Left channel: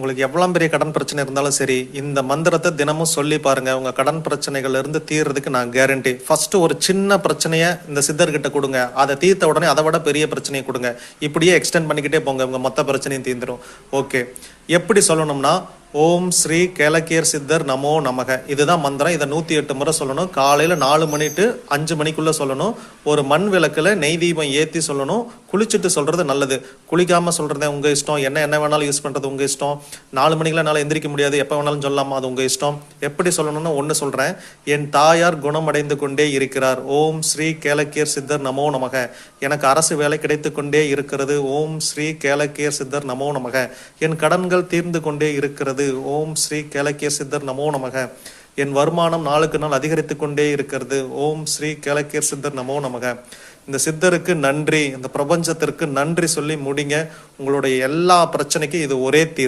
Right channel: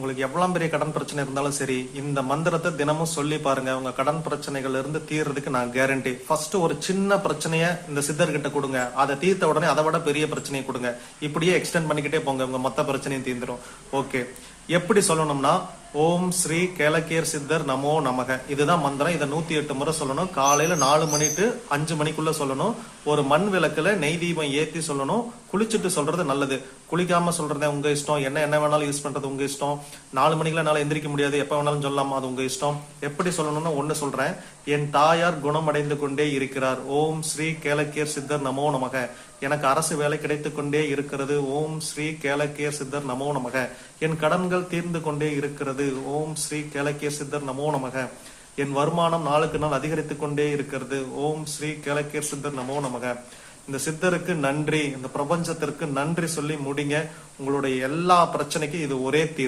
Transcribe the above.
உங்களுக்கு எவ்வளவு பெரிய கடன் பிரச்சனை இருந்தாலும் சரி, இந்த மந்திரத்தை தினமும் சொல்லி பாருங்க. உங்க கடன் பிரச்சனைகள்ல இருந்து தீர்றதுக்கு நான் கேரண்டி. ஃபர்ஸ்ட் ஒரு சின்ன பிரச்சனைய இந்த சித்தர்கிட்ட கொடுங்க, அதை தீர்த்த உடனே அதை விட பெரிய பிரச்சனையை கொடுங்க. இப்படியே எக்ஸ்டெண்ட் பண்ணிக்கிட்டே போங்க, உங்க மொத்த பிரச்சனையும் தீர்ந்துடும். ஓகே, எப்படி சொல்லணும்னா, ஓம் ஸ்ரீ கேலக்கியர் சித்தர் நமோ நமக, இதுதான் மந்திரம். இதை 108 முறை சொல்லணும். காலையில 4 மணி டு 5 மணிக்குள்ள சொல்லணும். ஒரு மண் விளக்குல நெய் தீபம் ஏத்தி சொல்லணும். குளிச்சுட்டு சொல்றது நல்லது. குளிக்காம சொல்றதே உங்க இஷ்டம். என்ன வேணாலும் யூஸ் பண்றது உங்க இஷ்டம். 4 மணிக்குள்ள என்னால எந்திரிக்க முடியாது, எப்ப வேணாலும் சொல்லலாமா, அது உங்க இஷ்டம். எப்படி சொல்லணும்னு ஒண்ணு சொல்றேன். என் தாயார் குணமடைந்து கொண்டே இருக்கிறார். ஓம் ஸ்ரீ கேலக்கியர் சித்தர் நமோ நமக. எனக்கு அரசு வேலை கிடைத்து கொண்டே இருக்கிறது. ஓம் ஸ்ரீ கேலக்கியர் சித்தர் நமோ நமக. என் கடன்கள் தீர்ந்து கொண்டே இருக்கிறது. ஓம் ஸ்ரீ கேலக்கியர் சித்தர் நமோ நமக. என் வருமானம் நாளுக்கு நாள் அதிகரித்து கொண்டே இருக்கிறது. ஓம் ஸ்ரீ கேலக்கியர் சித்தர் நமோ நமக. இந்த சித்தருக்கு நன்றி, இந்த பிரபஞ்சத்திற்கு நன்றி சொல்லி முடிங்க. உங்களுடைய எல்லா பிரச்சனைக்கும் இது ஒரே தீர்வு.